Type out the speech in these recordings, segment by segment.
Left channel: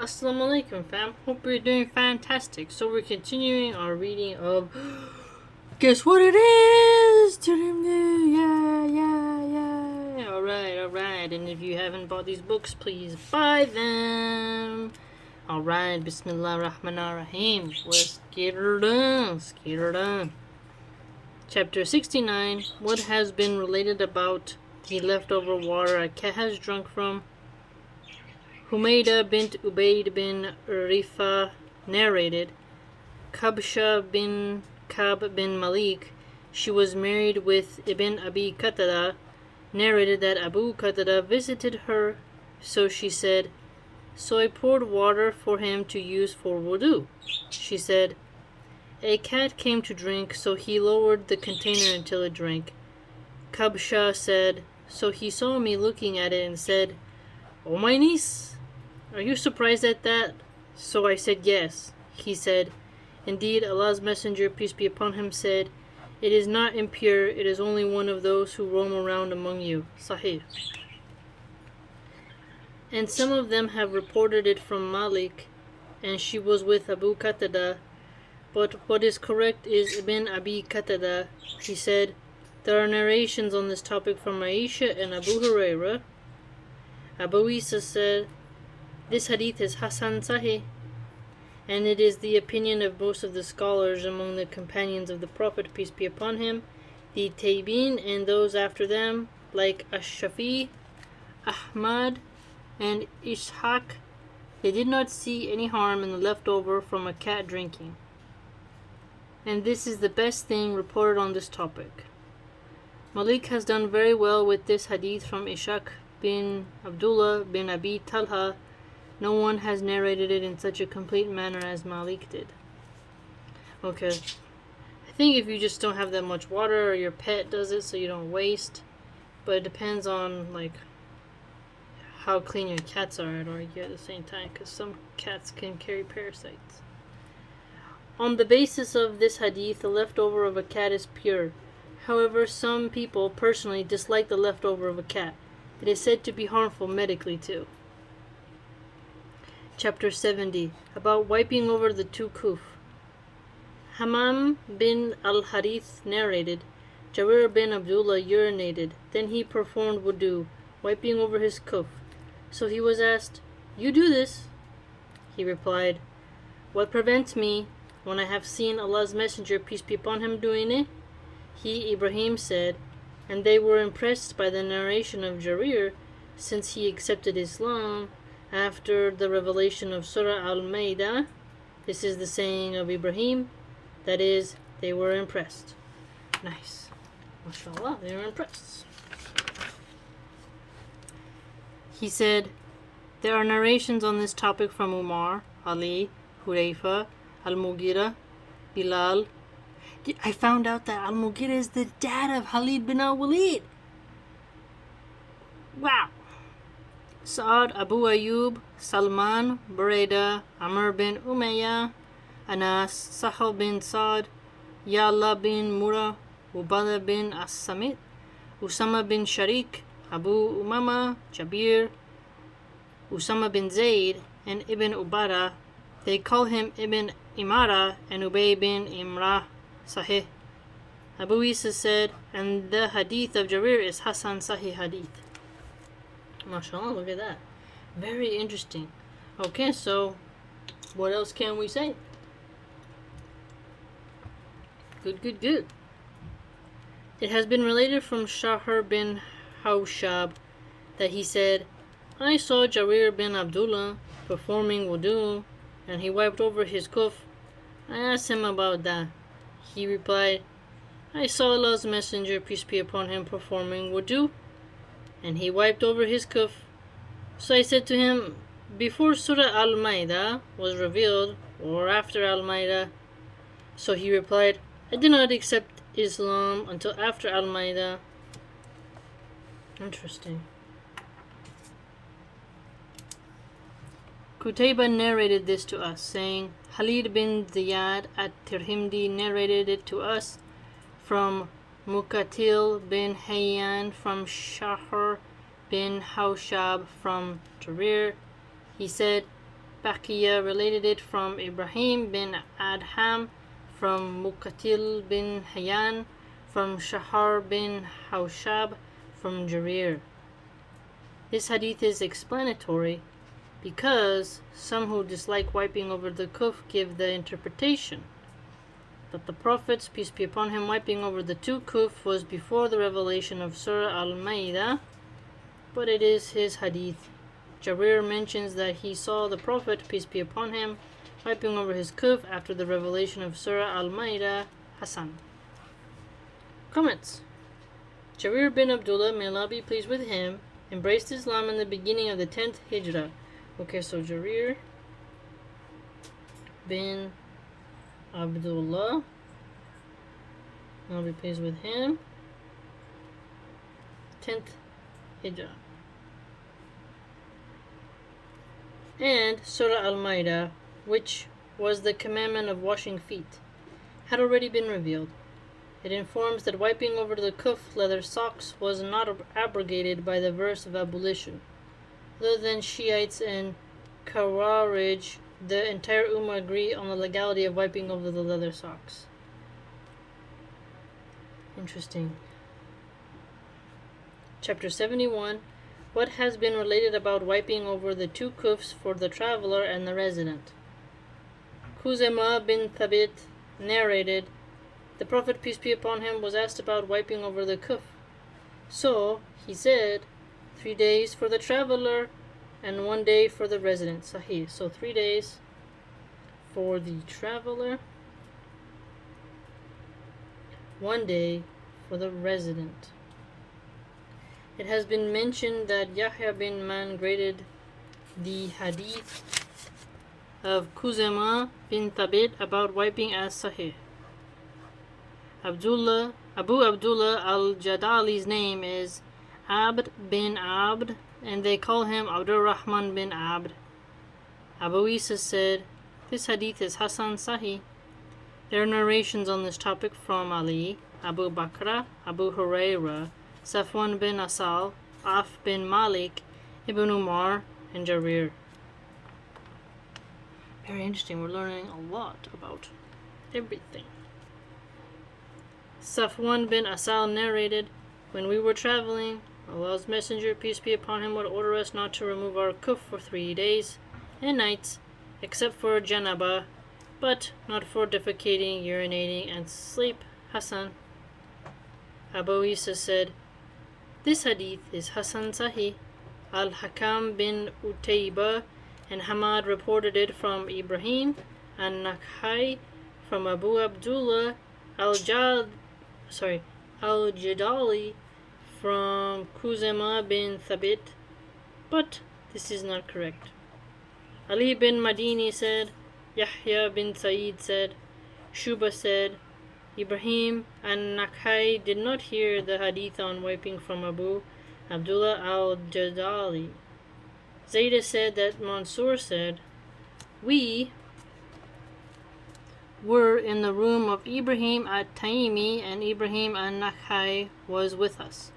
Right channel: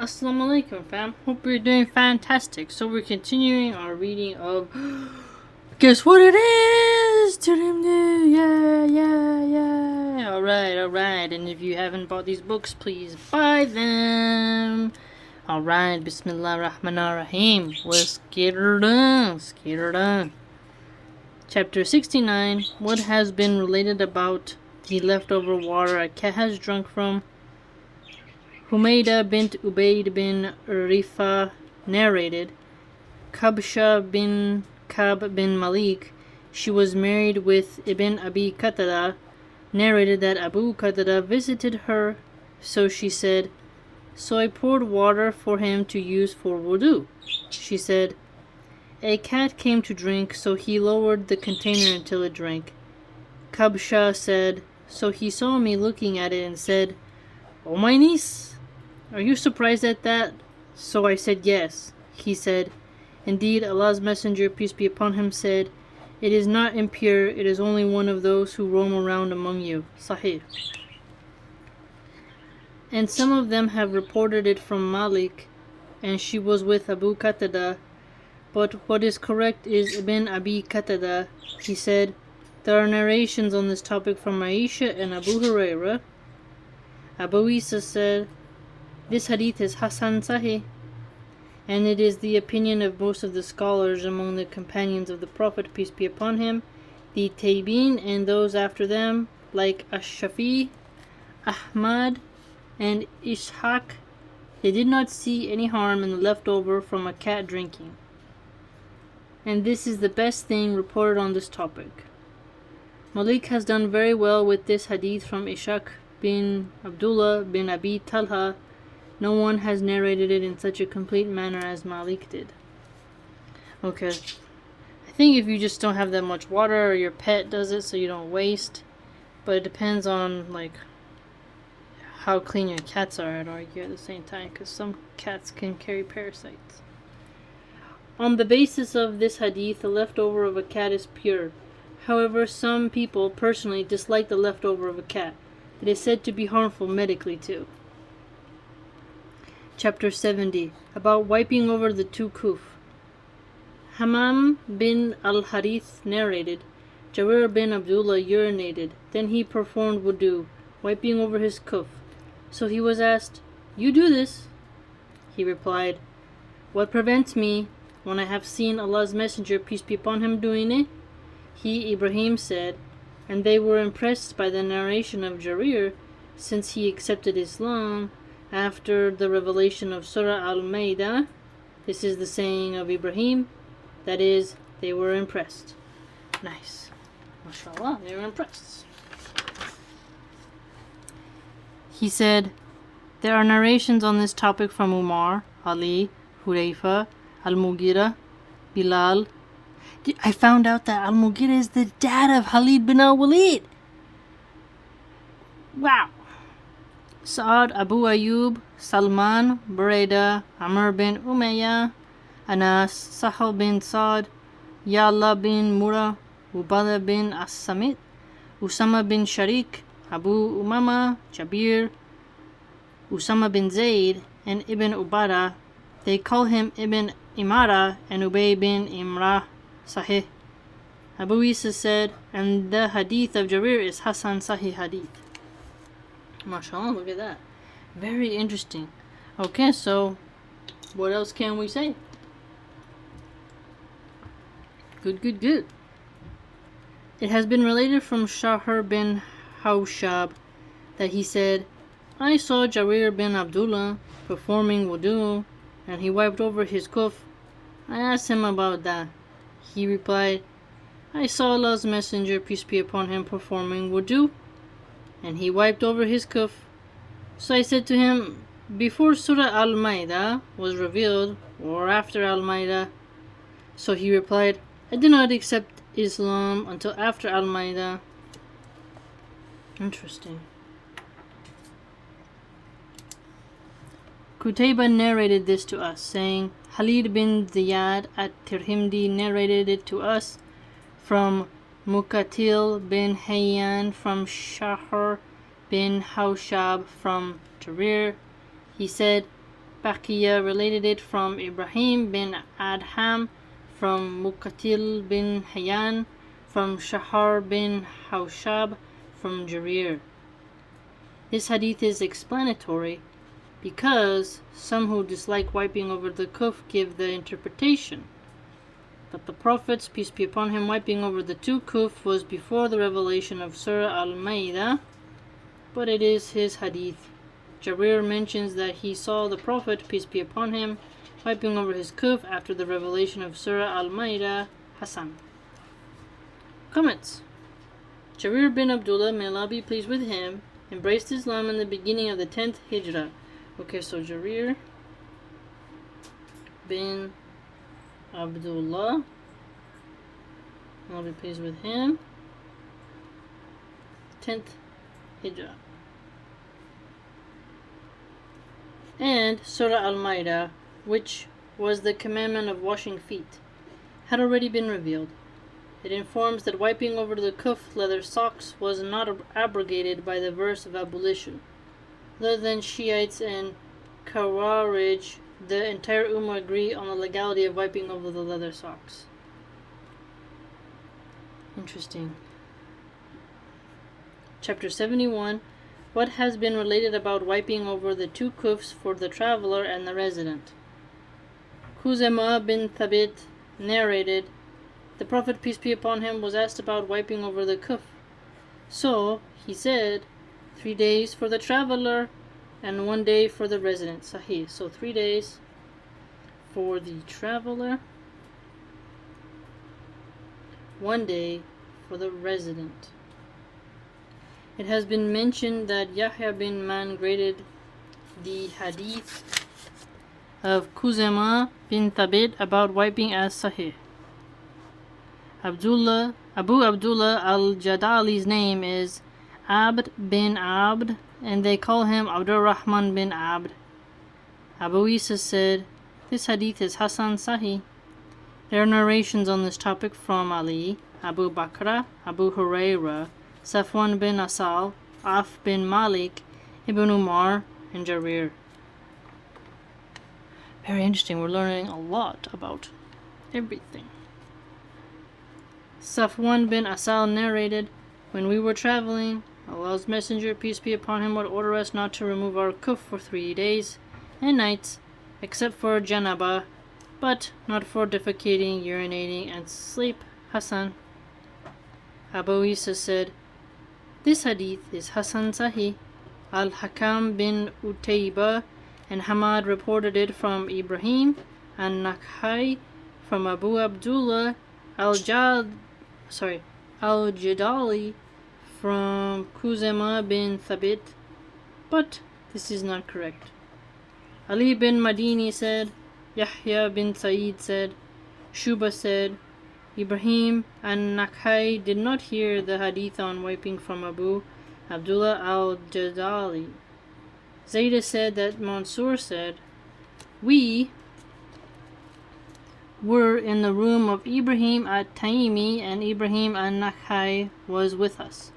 Assalamu alaikum, fam. Hope you're doing fantastic. So we're continuing our reading of guess what it is? Tirmidhi. Yeah. Alright. And if you haven't bought these books, please buy them. Alright, Bismillah ar-Rahman ar-Rahim. Let's get her done. Chapter 69. What has been related about the leftover water a cat has drunk from? Humayda bint Ubayd bin Rifa narrated, Kabsha bin Kab bin Malik, she was married with Ibn Abi Qatada, narrated that Abu Qatada visited her, so she said, so I poured water for him to use for wudu. She said, a cat came to drink, so he lowered the container until it drank. Kabsha said, so he saw me looking at it and said, O my niece, are you surprised at that? So I said yes. He said, indeed, Allah's Messenger, peace be upon him, said, it is not impure, it is only one of those who roam around among you. Sahih. And some of them have reported it from Malik, and she was with Abu Qatada. But what is correct is Ibn Abi Qatada. He said, there are narrations on this topic from Aisha and Abu Hurairah. Abu Isa said, this hadith is Hasan Sahih, and it is the opinion of most of the scholars among the companions of the Prophet, peace be upon him, the Tabi'in and those after them, like Ash-Shafi, Ahmad, and Ishaq. They did not see any harm in the leftover from a cat drinking. And this is the best thing reported on this topic. Malik has done very well with this hadith from Ishaq bin Abdullah bin Abi Talha. No one has narrated it in such a complete manner as Malik did. Okay. I think if you just don't have that much water, or your pet does it so you don't waste. But it depends on, like, how clean your cats are, I'd argue, at the same time, because some cats can carry parasites. On the basis of this hadith, the leftover of a cat is pure. However, some people personally dislike the leftover of a cat. It is said to be harmful medically too. Chapter 70, about wiping over the Tukuf. Hammam bin al-Harith narrated, Jabir bin Abdullah urinated, then he performed wudu, wiping over his kuf. So he was asked, you do this? He replied, what prevents me when I have seen Allah's Messenger, peace be upon him, doing it? He, Ibrahim, said, and they were impressed by the narration of Jarir, since he accepted Islam after the revelation of Surah Al-Ma'idah. This is the saying of Ibrahim, that is, they were impressed. Nice. MashaAllah, they were impressed. He said, there are narrations on this topic from Umar, Ali, Hurayfa, Al-Mughira, Bilal. I found out that Al-Mughira is the dad of Khalid bin al-Walid. Wow. Sa'ad, Abu Ayyub, Salman, Buraidah, Amr bin Umayyah, Anas, Sahal bin Sa'd, Ya'la bin Murrah, Ubadah bin As-Samit, Usama bin Sharik, Abu Umama, Jabir, Usama bin Zayd, and Ibn Ubadah. They call him Ibn Imara and Ubay bin Imrah. Sahih. Abu Isa said, and the hadith of Jarir is Hasan Sahih hadith. MashaAllah, look at that. Very interesting. Okay, so what else can we say? Good. It has been related from Shahr bin Hawshab that he said, I saw Jarir bin Abdullah performing wudu, and he wiped over his kuf. I asked him about that. He replied, I saw Allah's Messenger, peace be upon him, performing wudu, and he wiped over his kuf. So I said to him, before Surah Al-Ma'idah was revealed, or after Al-Ma'idah? So he replied, I did not accept Islam until after Al-Ma'idah. Interesting. Qutayba narrated this to us, saying, Khalid bin Ziyad at Tirmidhi narrated it to us from Muqatil bin Hayyan, from Shahr bin Hawshab, from Jarir. He said, Baqiya related it from Ibrahim bin Adham, from Muqatil bin Hayyan, from Shahar bin Hawshab, from Jarir. This hadith is explanatory because some who dislike wiping over the kuf give the interpretation that the Prophet's, peace be upon him, wiping over the two kuf was before the revelation of Surah Al-Ma'idah, but it is his hadith. Jarir mentions that he saw the Prophet, peace be upon him, wiping over his kuf after the revelation of Surah Al-Ma'idah. Hasan. Comments. Jarir bin Abdullah, may Allah be pleased with him, embraced Islam in the beginning of the 10th Hijrah. Okay, so Jarir bin Abdullah, I'll be pleased with him, 10th Hijrah. And Surah Al-Ma'idah, which was the commandment of washing feet, had already been revealed. It informs that wiping over the kuf, leather socks, was not abrogated by the verse of abolition. Other than Shiites and Khawarij, the entire Ummah agree on the legality of wiping over the leather socks. Interesting. Chapter 71. What has been related about wiping over the two kufs for the traveler and the resident? Khuzaimah bin Thabit narrated, the Prophet, peace be upon him, was asked about wiping over the kuf. So he said, 3 days for the traveler and 1 day for the resident. Sahih. So 3 days for the traveler, 1 day for the resident. It has been mentioned that Yahya bin Man graded the hadith of Khuzaimah bin Thabit about wiping as Sahih. Abu Abdullah al-Jadali's name is Abd bin Abd, and they call him Abdur Rahman bin Abd. Abu Isa said, this hadith is Hasan Sahih. There are narrations on this topic from Ali, Abu Bakr, Abu Hurairah, Safwan bin Asal, Af bin Malik, Ibn Umar, and Jarir. Very interesting. We're learning a lot about everything. Safwan bin Asal narrated, when we were traveling, Allah's Messenger, peace be upon him, would order us not to remove our kuf for 3 days and nights, except for janaba, but not for defecating, urinating, and sleep. Hasan. Abu Isa said, this hadith is Hasan Sahih. Al-Hakam bin Utaybah and Hamad reported it from Ibrahim and Nakhai, from Abu Abdullah al-Jadali, from Khuzaimah bin Thabit, but this is not correct. Ali bin Madini said, Yahya bin Sa'id said, Shuba said, Ibrahim and Nakhai did not hear the hadith on wiping from Abu Abdullah al-Jadali. Zayda said that Mansur said, we were in the room of Ibrahim at-Taymi, and Ibrahim an-Nakhai was with us.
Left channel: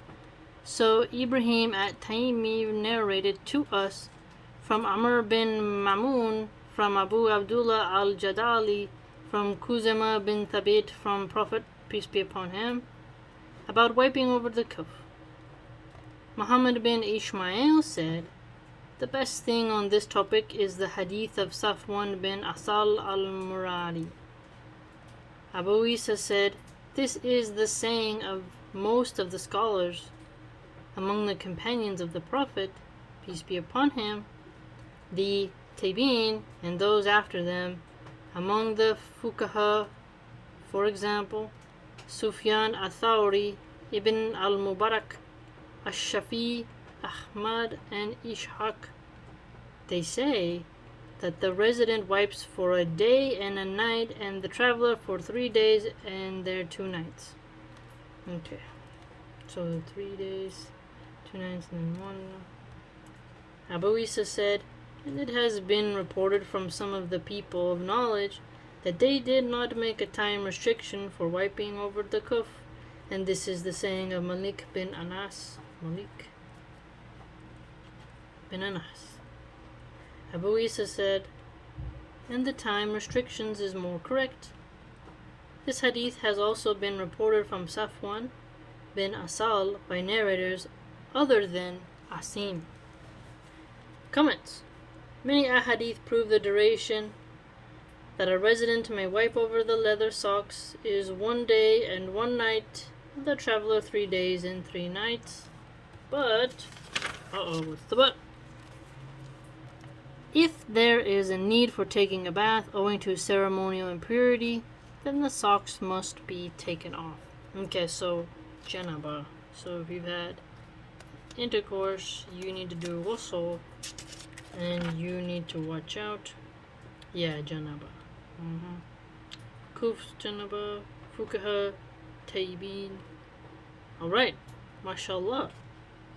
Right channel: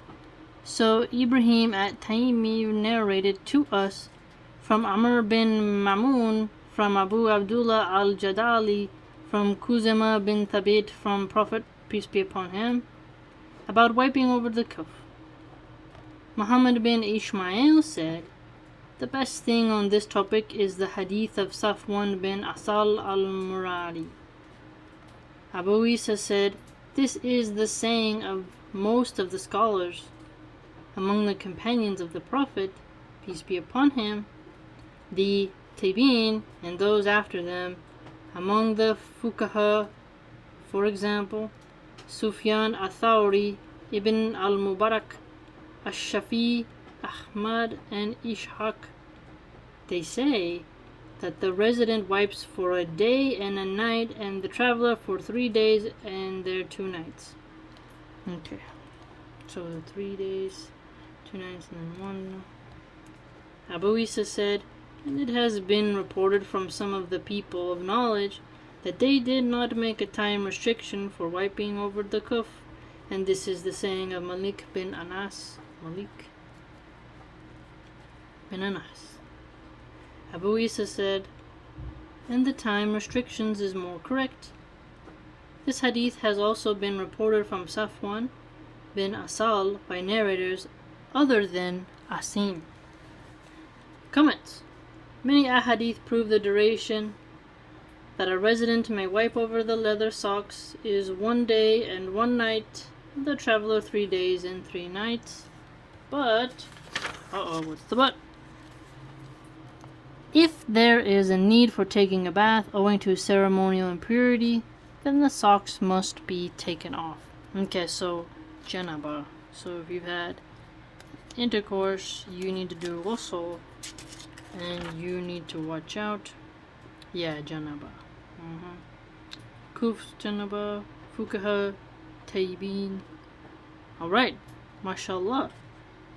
So Ibrahim at-Taymi narrated to us from Amr bin Mamun, from Abu Abdullah al-Jadali, from Khuzaimah bin Thabit, from Prophet, peace be upon him, about wiping over the kuf. Muhammad bin Ishmael said, the best thing on this topic is the hadith of Safwan bin Asal al-Muradi. Abu Isa said, this is the saying of most of the scholars among the companions of the Prophet, peace be upon him, the Tabi'in, and those after them, among the Fuqaha, for example, Sufyan al-Thawri, Ibn al-Mubarak, Ash-Shafi, Ahmad, and Ishaq. They say that the resident wipes for a day and a night, and the traveler for 3 days and their 2 nights. Okay, so the 3 days, 2 nights, and then 1. Abu Isa said, and it has been reported from some of the people of knowledge that they did not make a time restriction for wiping over the kuf, and this is the saying of Malik bin Anas. Abu Isa said, and the time restrictions is more correct. This hadith has also been reported from Safwan bin Asal by narrators other than Asim. Comments. Many ahadith prove the duration that a resident may wipe over the leather socks is 1 day and 1 night, the traveler 3 days and 3 nights. But, what's the but? If there is a need for taking a bath owing to ceremonial impurity, then the socks must be taken off. Okay, so janaba. So if you've had intercourse, you need to do ghusl, and you need to watch out. Yeah, janaba. Kuf, janaba, fukaha, taybin. Alright, mashallah.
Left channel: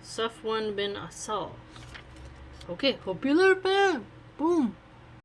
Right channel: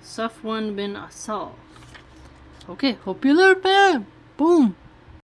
Safwan bin Asal. Okay, hope you learned, man. Boom.